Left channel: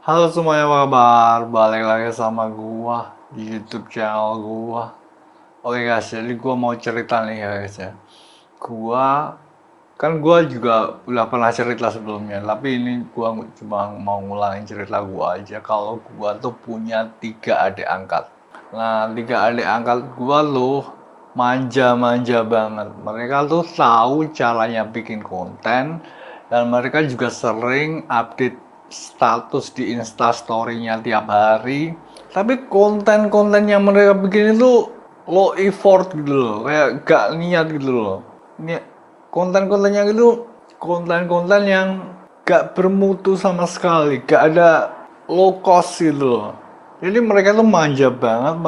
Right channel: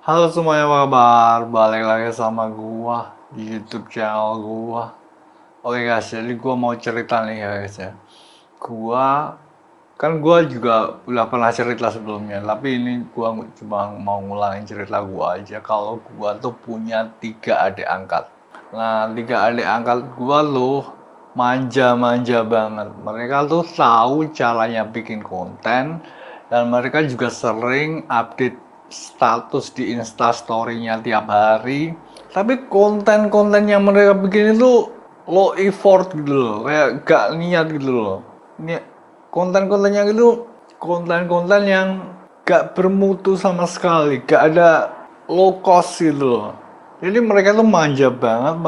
Halo semuanya, apa kabar? Balik lagi sama gua di YouTube channel gua. Oke guys, jadi gua mau cerita nih ya guys ya. Gua gua juga udah pernah cerita sebelumnya, tapi ini gua cuma mau ngulangin cerita gua aja kalau gua tuh punya tiga adik angkat. Nah, tiga adik angkat gua loh manja-manja banget. Mereka tuh tahu caranya bikin konten dan mereka juga sering update status di Instastory-nya tiap hari. Tapi konten-konten yang mereka bikin itu low effort gitu loh, kayak gak niat gitu loh. Ini konten-kontennya itu konten-konten yang gak bermutu sama sekali, gak ada low cost gitu loh. Jadi mereka tuh manja banget,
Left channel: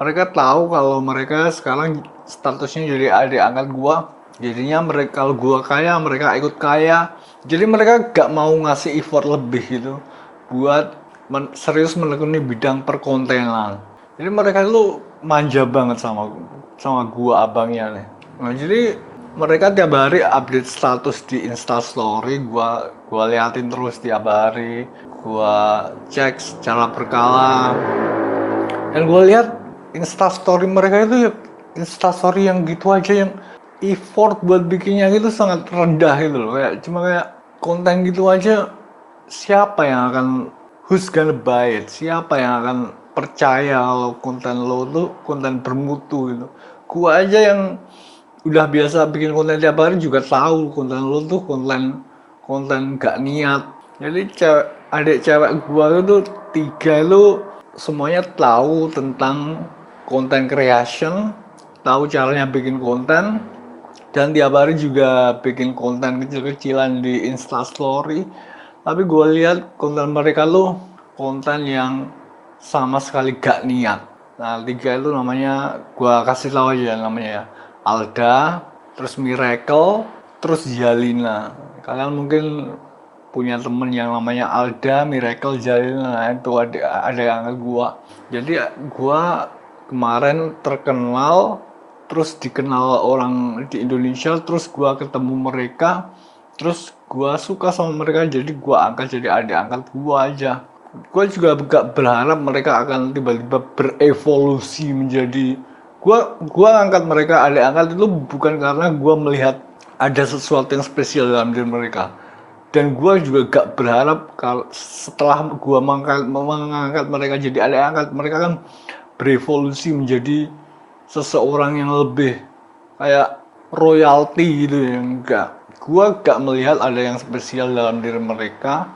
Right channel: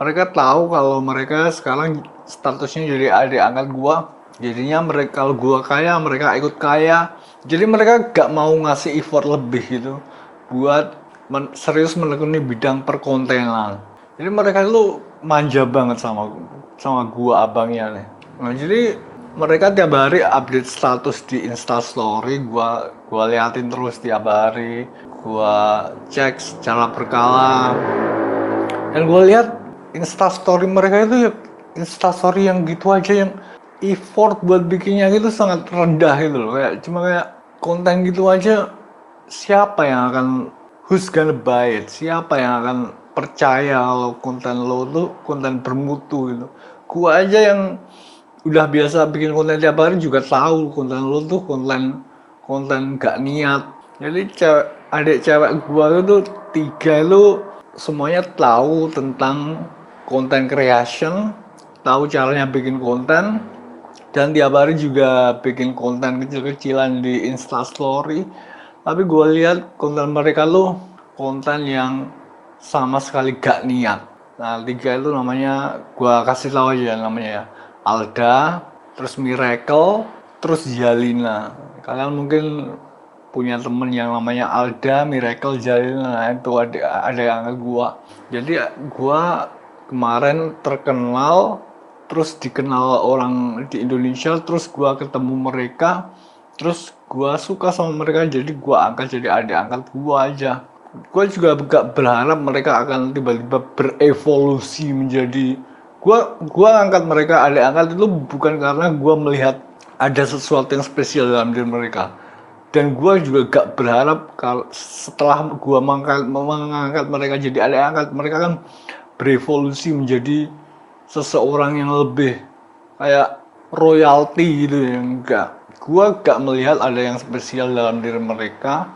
mereka tahu kalau mereka sekarang statusnya jadi adik angkat gua. Jadinya mereka kalau gua kaya, mereka ikut kaya. Jadi mereka gak mau ngasih effort lebih gitu buat serius menekuni bidang perkontenan. Jadi mereka itu manja banget sama gua abangnya nih. Nah, jadi mereka tiap hari update status di Instastory, gua liatin terus tiap hari, gua cek secara berkala. Dan gua lihat Instastory mereka itu ya Instastory yang gitu aja, yang effort buat bikinnya itu sangat rendah gitu loh. Kayak konten gitu aja, siapa yang akan, who's gonna buy it, siapa yang akan percaya kalau konten lo tuh konten bermutu gitu. Gua aja yang udah biasa bikin konten tiap hari juga tahu konten lo tuh konten konten gak niat. Jadi adik cewek gua itu tiga itu semuanya tahu tentang konten creation, tahu caranya bikin konten, dan tiap hari juga bikin konten kecil-kecilan di Instastory. Tapi gue lihat konten mereka tuh konten yang sama sekali gak niat. Nah, tiga itu namanya, gue kasih tahu aja namanya ya. Alda, terus Miracle, terus Zalina. Kalian mungkin punya temen yang namanya Alda, Miracle, Zalina. Nah, itu ada yang gua. Jadi gua kemarin terkenal, terus dikenal orang di Indonesia, terus gua ketemu mereka, terus gua suka sama mereka, jadi gua angkat jadi adik angkat gua aja. Gue juga gak berharap mereka akan tiba-tiba berevolusi menjadi, gua angkat mereka adik angkat itu bukan karena gua melihat ada sesuatu yang spesial dalam diri mereka, dan gue juga gak berharap kalau setelah gue mengangkat mereka jadi adik angkat mereka kan berevolusi menjadi seseorang yang lebih kayak royalty gitu ya. Enggak, gue gak melihat ada yang spesial dalam diri mereka,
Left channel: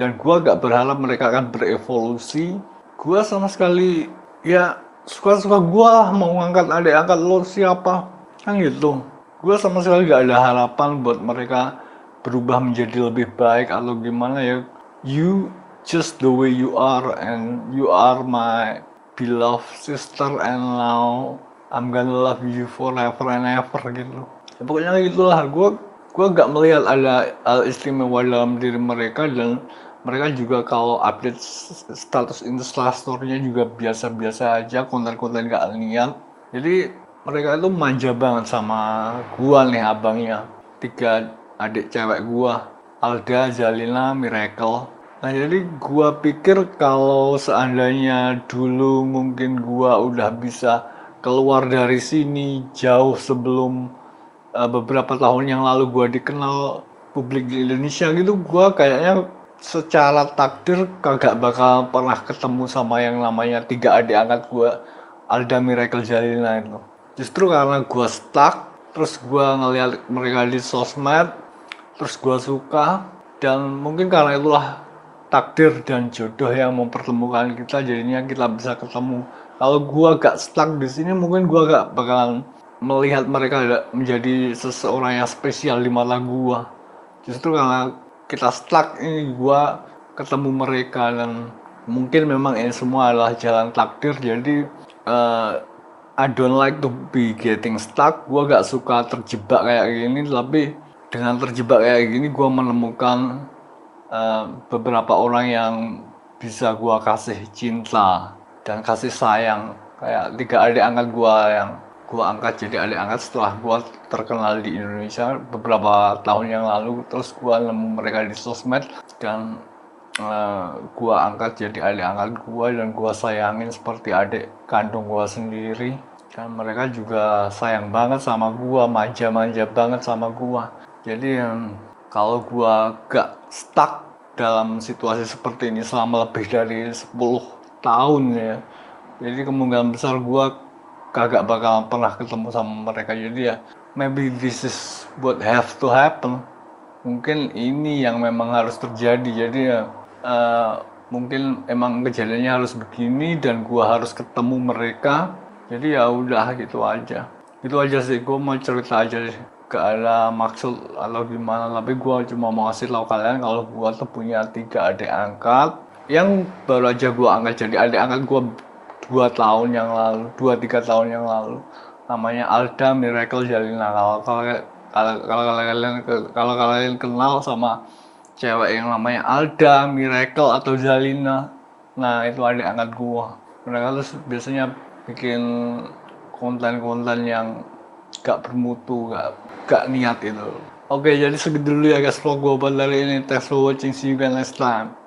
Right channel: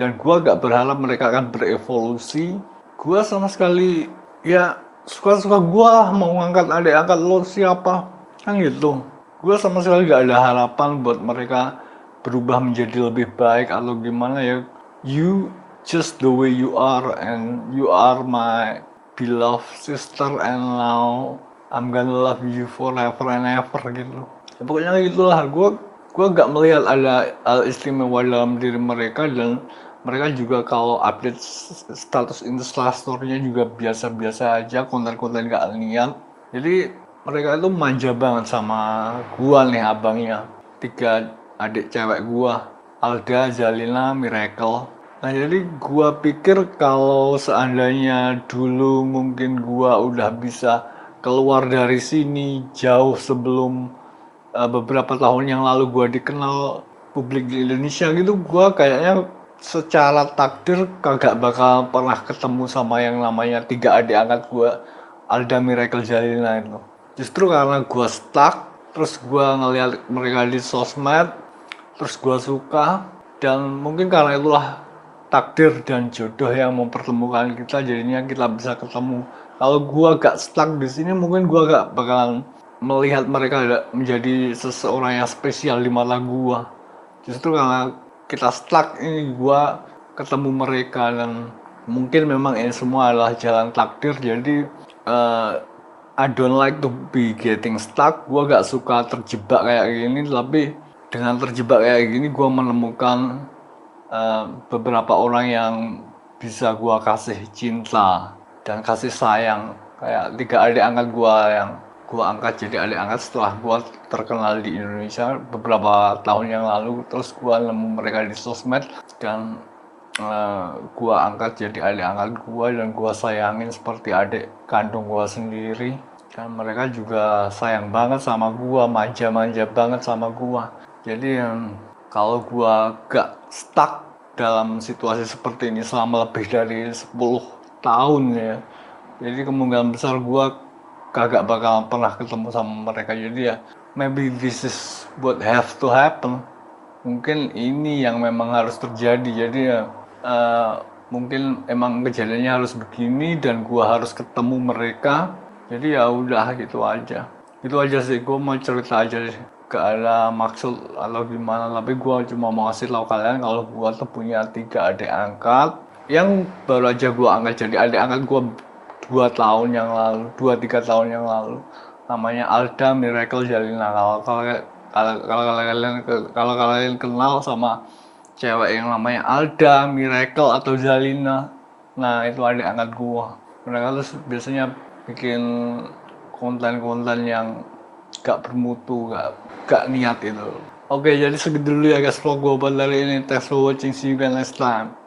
dan gue gak berharap mereka akan berevolusi. Gue sama sekali ya suka-suka gue lah, mau ngangkat adik angkat lo siapa kan gitu. Gue sama sekali gak ada harapan buat mereka berubah menjadi lebih baik atau gimana ya. You just the way you are, and you are my beloved sister, and now I'm gonna love you forever and ever gitu. Ya, pokoknya gitulah. Gue gak melihat ada hal istimewa dalam diri mereka, dan mereka juga kalau update status instastory-nya juga biasa-biasa aja, konten-konten gak niat. Jadi mereka itu manja banget sama gua nih abangnya. Tiga adik cewek gua, Alda, Zalina, Miracle. Nah, jadi gua pikir kalau seandainya dulu mungkin gua udah bisa keluar dari sini jauh sebelum beberapa tahun yang lalu gue dikenal publik di Indonesia gitu, gue kayaknya secara takdir kagak bakal pernah ketemu sama yang namanya tiga adik angkat gue, Alda, Miracle, Jalina itu. Justru karena gue stuck, terus gue ngeliat mereka di sosmed, terus gue suka, dan mungkin karena itulah takdir dan jodoh yang mempertemukan kita, jadinya kita bisa ketemu. Kalau gua gak stuck di sini, mungkin gua gak bakalan melihat mereka menjadi seseorang yang spesial di mata gua. Justru karena kita stuck ini, gua ketemu mereka, dan mungkin memang ini semua adalah jalan takdir. Jadi I don't like to be getting stuck. Gua gak suka terjebak kayak gini, tapi dengan terjebak kayak gini gua menemukan beberapa orang yang bisa gua kasih cinta dan kasih sayang, kayak tiga adik angkat gua yang gua angkat jadi adik angkat setelah gua terkenal di Indonesia beberapa tahun yang lalu. Terus gua nemu mereka di sosmed, dan gua angkat jadi adik angkat gua dan gua sayangin seperti adik kandung gua sendiri. Dan mereka juga sayang banget sama gua, manja-manja banget sama gua. Jadi kalau gua gak stuck dalam situasi seperti ini selama lebih dari 10 tahun ya, jadi kemungkinan besar gua kagak bakal pernah ketemu sama mereka. Jadi ya maybe this is what have to happen, mungkin ini yang memang harus terjadi. Jadi ya eh, mungkin emang kejadiannya harus begini dan gua harus ketemu mereka. Jadi ya udah gitu aja sih. Gua mau cerita aja sih, gak ada maksud atau gimana, tapi gua cuma mau kasih tahu kalian kalau gua tuh punya 3 adik angkat yang baru aja gua angkat jadi adik angkat gua 2 tahun yang lalu, 2-3 tahun yang lalu. Namanya Alda Miracle Jalina. Kalau kalian kenal sama cewek yang namanya Alda Miracle atau Zalina, nah itu adik angkat gua. Mereka tuh biasanya bikin konten-konten yang gak bermutu, gak niat itu. Oke, jadi segitu dulu ya guys vlog gua buat hari ini. Thanks for watching, see you guys next time.